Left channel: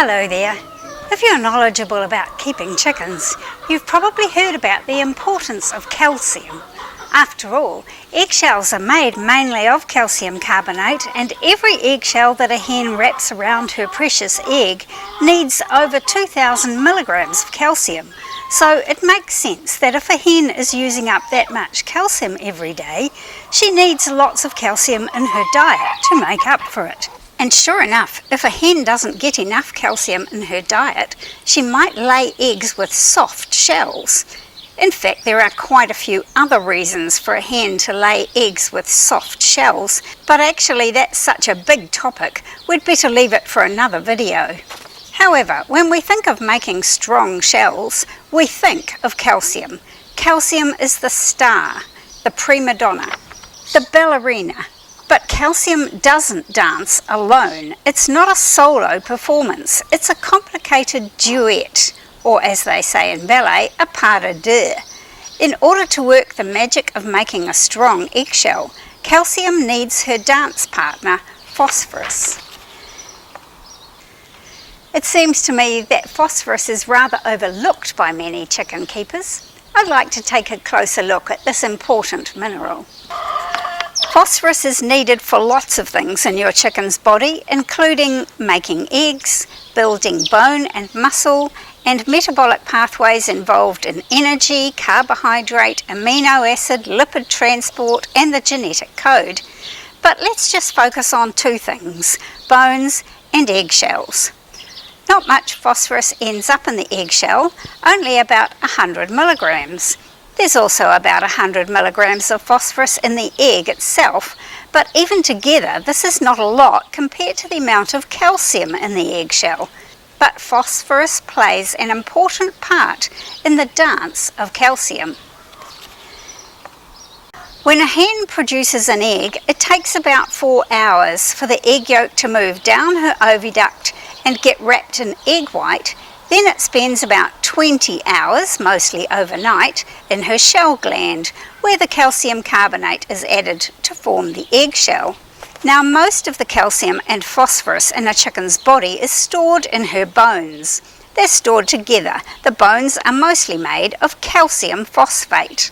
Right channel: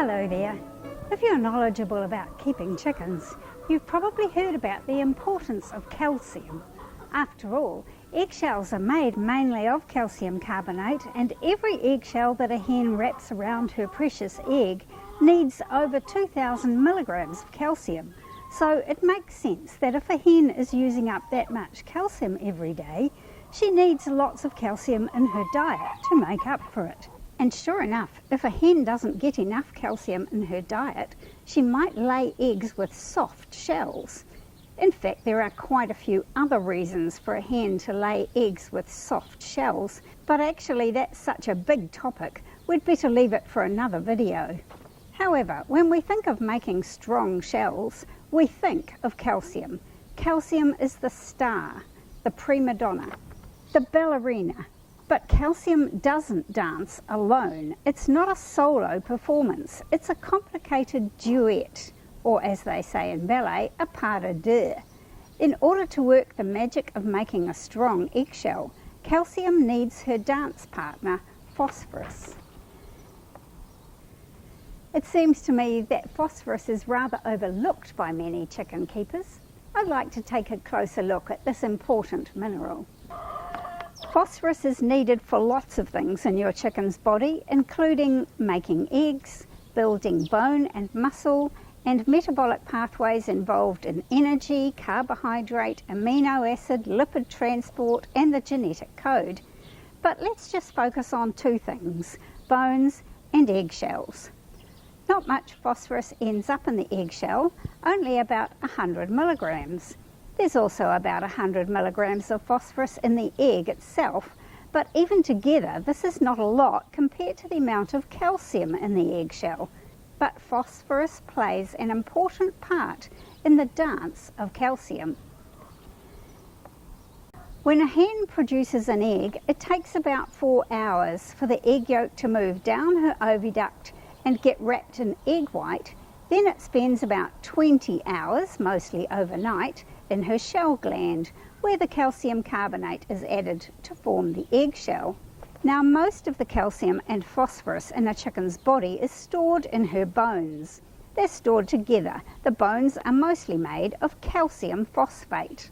Hello there. If you're knowledgeable about keeping chickens, you've probably heard about the importance of calcium. After all, eggshells are made mainly of calcium carbonate, and every eggshell that a hen wraps around her precious egg needs over 2,000 milligrams of calcium. So it makes sense that if a hen is using up that much calcium every day, she needs lots of calcium in her diet to make up for it. And sure enough, if a hen doesn't get enough calcium in her diet, she might lay eggs with soft shells. In fact, there are quite a few other reasons for a hen to lay eggs with soft shells, but actually that's such a big topic, we'd better leave it for another video. However, when we think of making strong shells, we think of calcium. Calcium is the star, the prima donna, the ballerina. But calcium doesn't dance alone. It's not a solo performance. It's a complicated duet, or as they say in ballet, a pas de deux. In order to work the magic of making a strong eggshell, calcium needs her dance partner, phosphorus. It seems to me that phosphorus is rather overlooked by many chicken keepers. I'd like to take a closer look at this important mineral. Phosphorus is needed for lots of things in your chicken's body, including making eggs, building bone and muscle, and metabolic pathways involved in energy, carbohydrate, amino acid, lipid transport, and the genetic code. But let's just focus on two things: bones and eggshells. Not much phosphorus ends up in the eggshell, only about 100 milligrams. There's also about 100 milligrams of phosphorus in the egg itself, but even together this is not a lot compared to the amount of calcium in the eggshell. But phosphorus plays an important part in the dance of calcium. When a hen produces an egg, it takes about 4 hours for the egg yolk to move down her oviduct and get wrapped in egg white. Then it spends about 20 hours, mostly overnight, in her shell gland, where the calcium carbonate is added to form the eggshell. Now, most of the calcium and phosphorus in a chicken's body is stored in her bones. They're stored together. The bones are mostly made of calcium phosphate.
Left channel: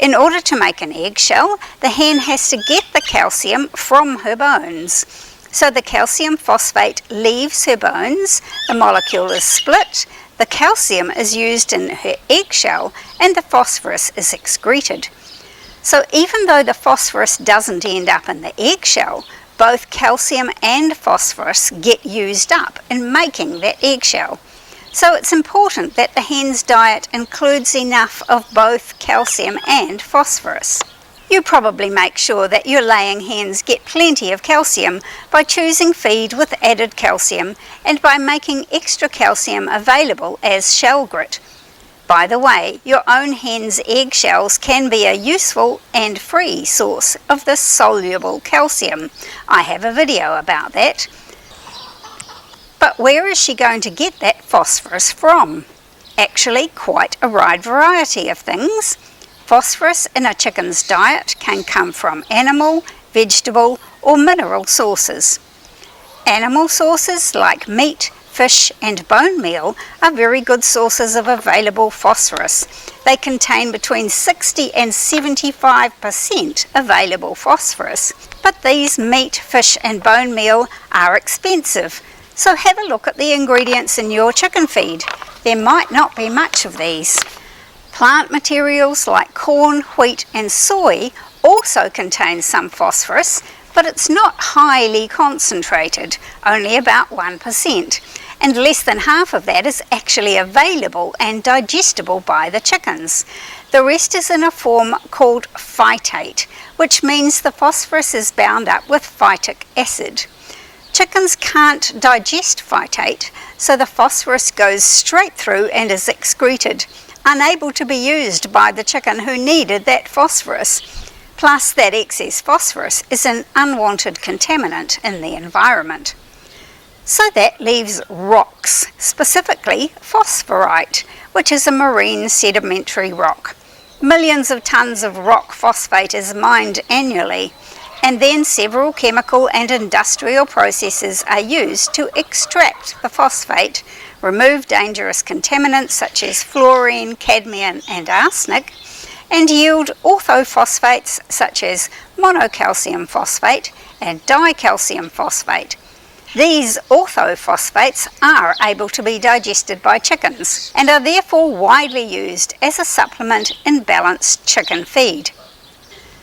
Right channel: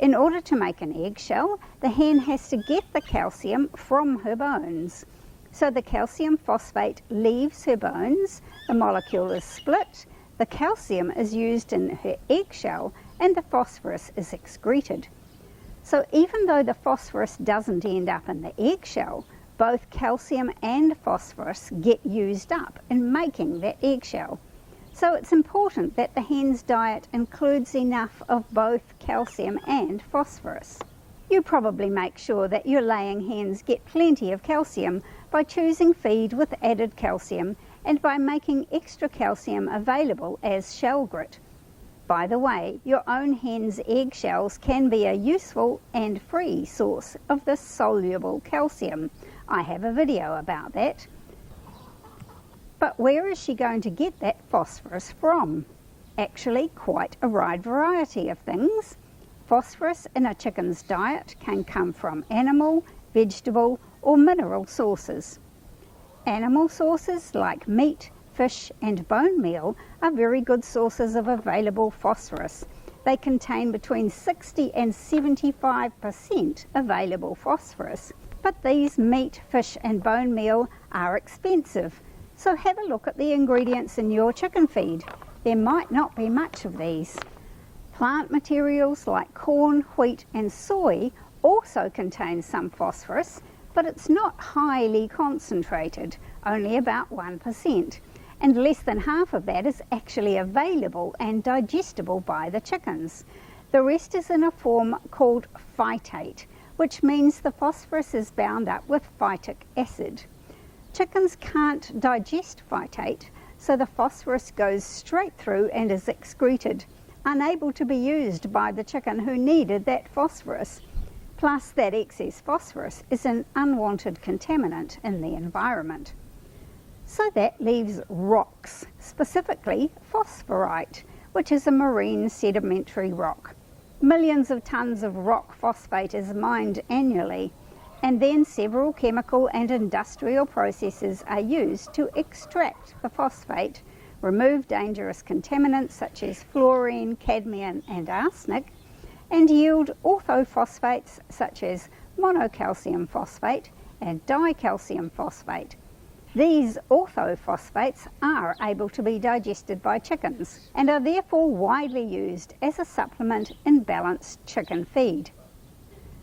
In order to make an eggshell, the hen has to get the calcium from her bones. So the calcium phosphate leaves her bones, the molecule is split, the calcium is used in her eggshell, and the phosphorus is excreted. So even though the phosphorus doesn't end up in the eggshell, both calcium and phosphorus get used up in making that eggshell. So it's important that the hen's diet includes enough of both calcium and phosphorus. You probably make sure that your laying hens get plenty of calcium by choosing feed with added calcium and by making extra calcium available as shell grit. By the way, your own hen's eggshells can be a useful and free source of this soluble calcium. I have a video about that. But where is she going to get that phosphorus from? Actually, quite a wide variety of things. Phosphorus in a chicken's diet can come from animal, vegetable, or mineral sources. Animal sources like meat, fish, and bone meal are very good sources of available phosphorus. They contain between 60 and 75% available phosphorus. But these meat, fish, and bone meal are expensive. So have a look at the ingredients in your chicken feed. There might not be much of these. Plant materials like corn, wheat, and soy also contain some phosphorus, but it's not highly concentrated, only about 1%, and less than half of that is actually available and digestible by the chickens. The rest is in a form called phytate, which means the phosphorus is bound up with phytic acid. Chickens can't digest phytate, so the phosphorus goes straight through and is excreted, unable to be used by the chicken who needed that phosphorus. Plus, that excess phosphorus is an unwanted contaminant in the environment. So that leaves rocks, specifically phosphorite, which is a marine sedimentary rock. Millions of tons of rock phosphate is mined annually. and then several chemical and industrial processes are used to extract the phosphate, remove dangerous contaminants such as fluorine, cadmium and arsenic, and yield orthophosphates such as monocalcium phosphate and dicalcium phosphate. These orthophosphates are able to be digested by chickens and are therefore widely used as a supplement in balanced chicken feed.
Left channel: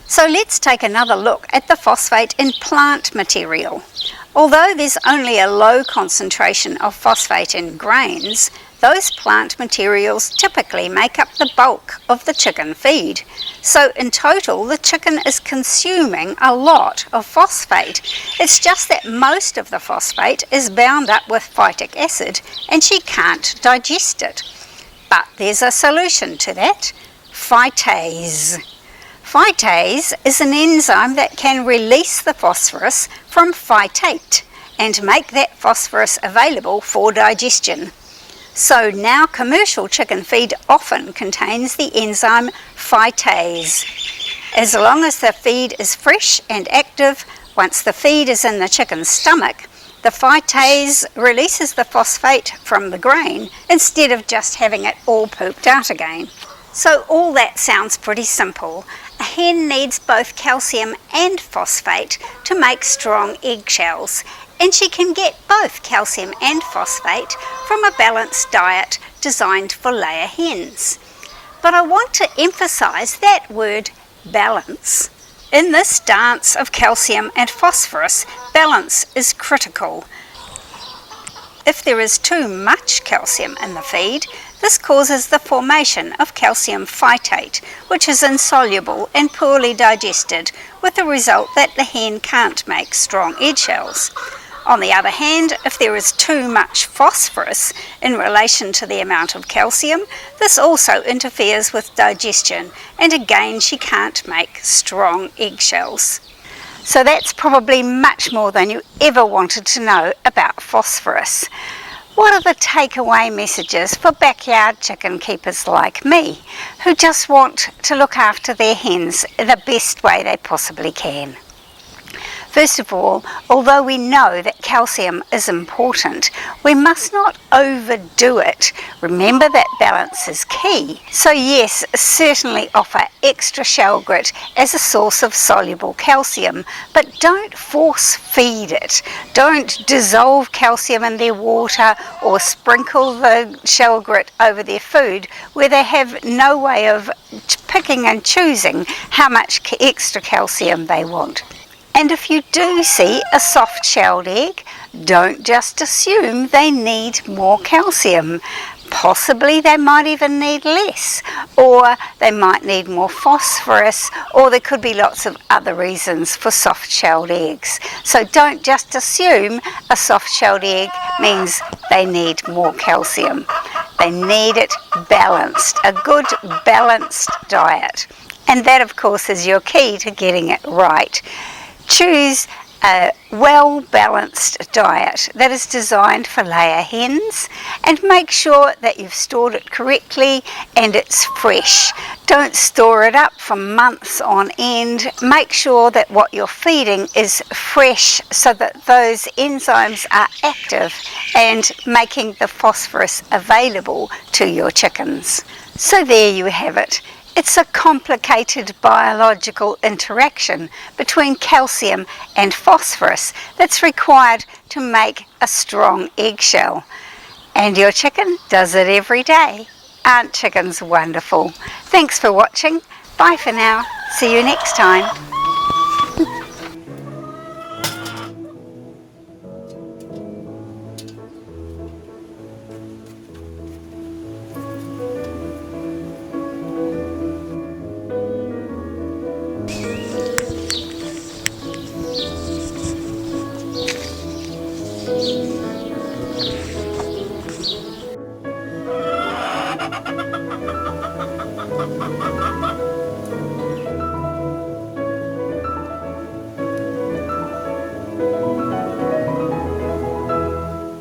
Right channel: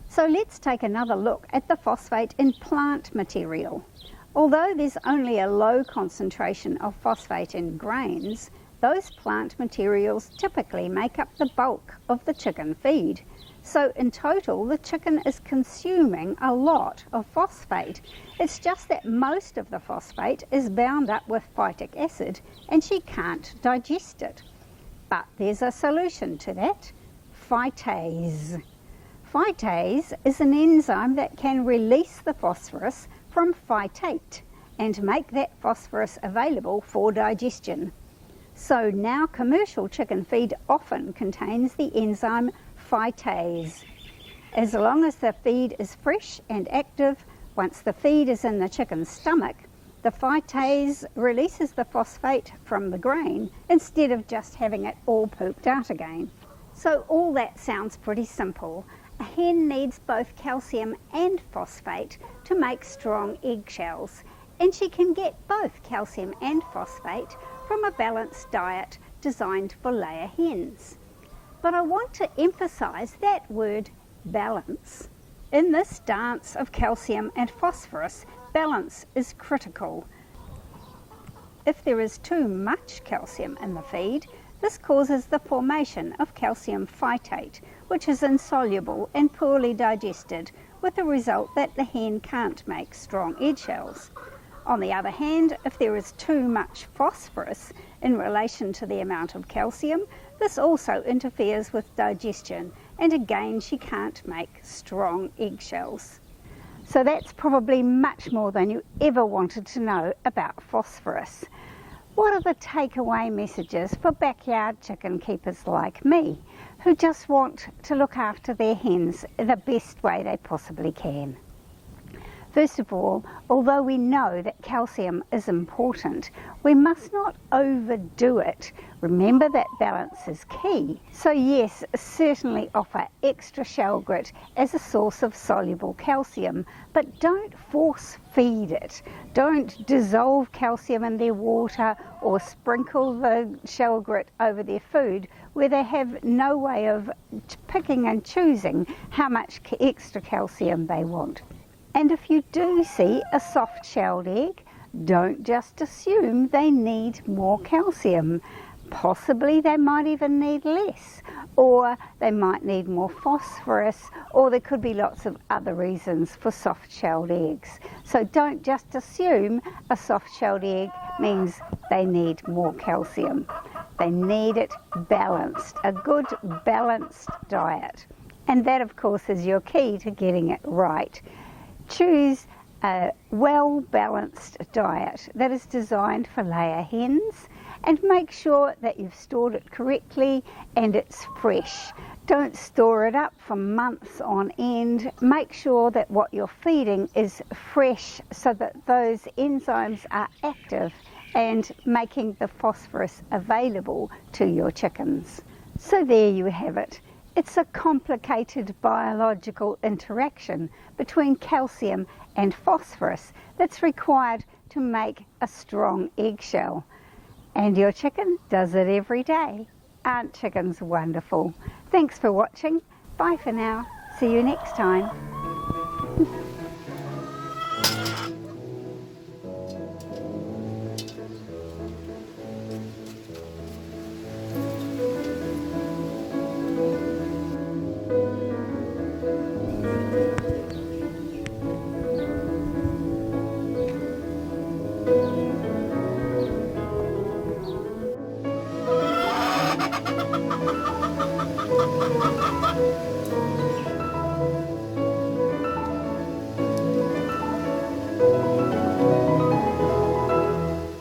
So let's take another look at the phosphate in plant material. Although there's only a low concentration of phosphate in grains, those plant materials typically make up the bulk of the chicken feed. So in total, the chicken is consuming a lot of phosphate. It's just that most of the phosphate is bound up with phytic acid and she can't digest it. But there's a solution to that: phytase. Phytase is an enzyme that can release the phosphorus from phytate and make that phosphorus available for digestion. So now commercial chicken feed often contains the enzyme phytase. As long as the feed is fresh and active, once the feed is in the chicken's stomach, the phytase releases the phosphate from the grain instead of just having it all pooped out again. So all that sounds pretty simple. A hen needs both calcium and phosphate to make strong eggshells, and she can get both calcium and phosphate from a balanced diet designed for layer hens. But I want to emphasize that word balance. In this dance of calcium and phosphorus, balance is critical. If there is too much calcium in the feed, this causes the formation of calcium phytate, which is insoluble and poorly digested, with the result that the hen can't make strong eggshells. On the other hand, if there is too much phosphorus in relation to the amount of calcium, this also interferes with digestion, and again she can't make strong eggshells. So that's probably much more than you ever wanted to know about phosphorus. What are the takeaway messages for backyard chicken keepers like me, who just want to look after their hens the best way they possibly can? First of all, although we know that calcium is important, we must not overdo it. Remember that balance is key. So yes, certainly offer extra shell grit as a source of soluble calcium, but don't force feed it. Don't dissolve calcium in their water or sprinkle the shell grit over their food where they have no way of picking and choosing how much extra calcium they want. And if you do see a soft-shelled egg, don't just assume they need more calcium. Possibly they might even need less, or they might need more phosphorus, or there could be lots of other reasons for soft-shelled eggs. So don't just assume a soft-shelled egg means they need more calcium. They need it balanced, a good balanced diet. And that, of course, is your key to getting it right. Choose a well-balanced diet that is designed for layer hens, and make sure that you've stored it correctly and it's fresh. Don't store it up for months on end. Make sure that what you're feeding is fresh so that those enzymes are active and making the phosphorus available to your chickens. So there you have it. It's a complicated biological interaction between calcium and phosphorus that's required to make a strong eggshell. And your chicken does it every day. Aren't chickens wonderful? Thanks for watching. Bye for now. See you next time.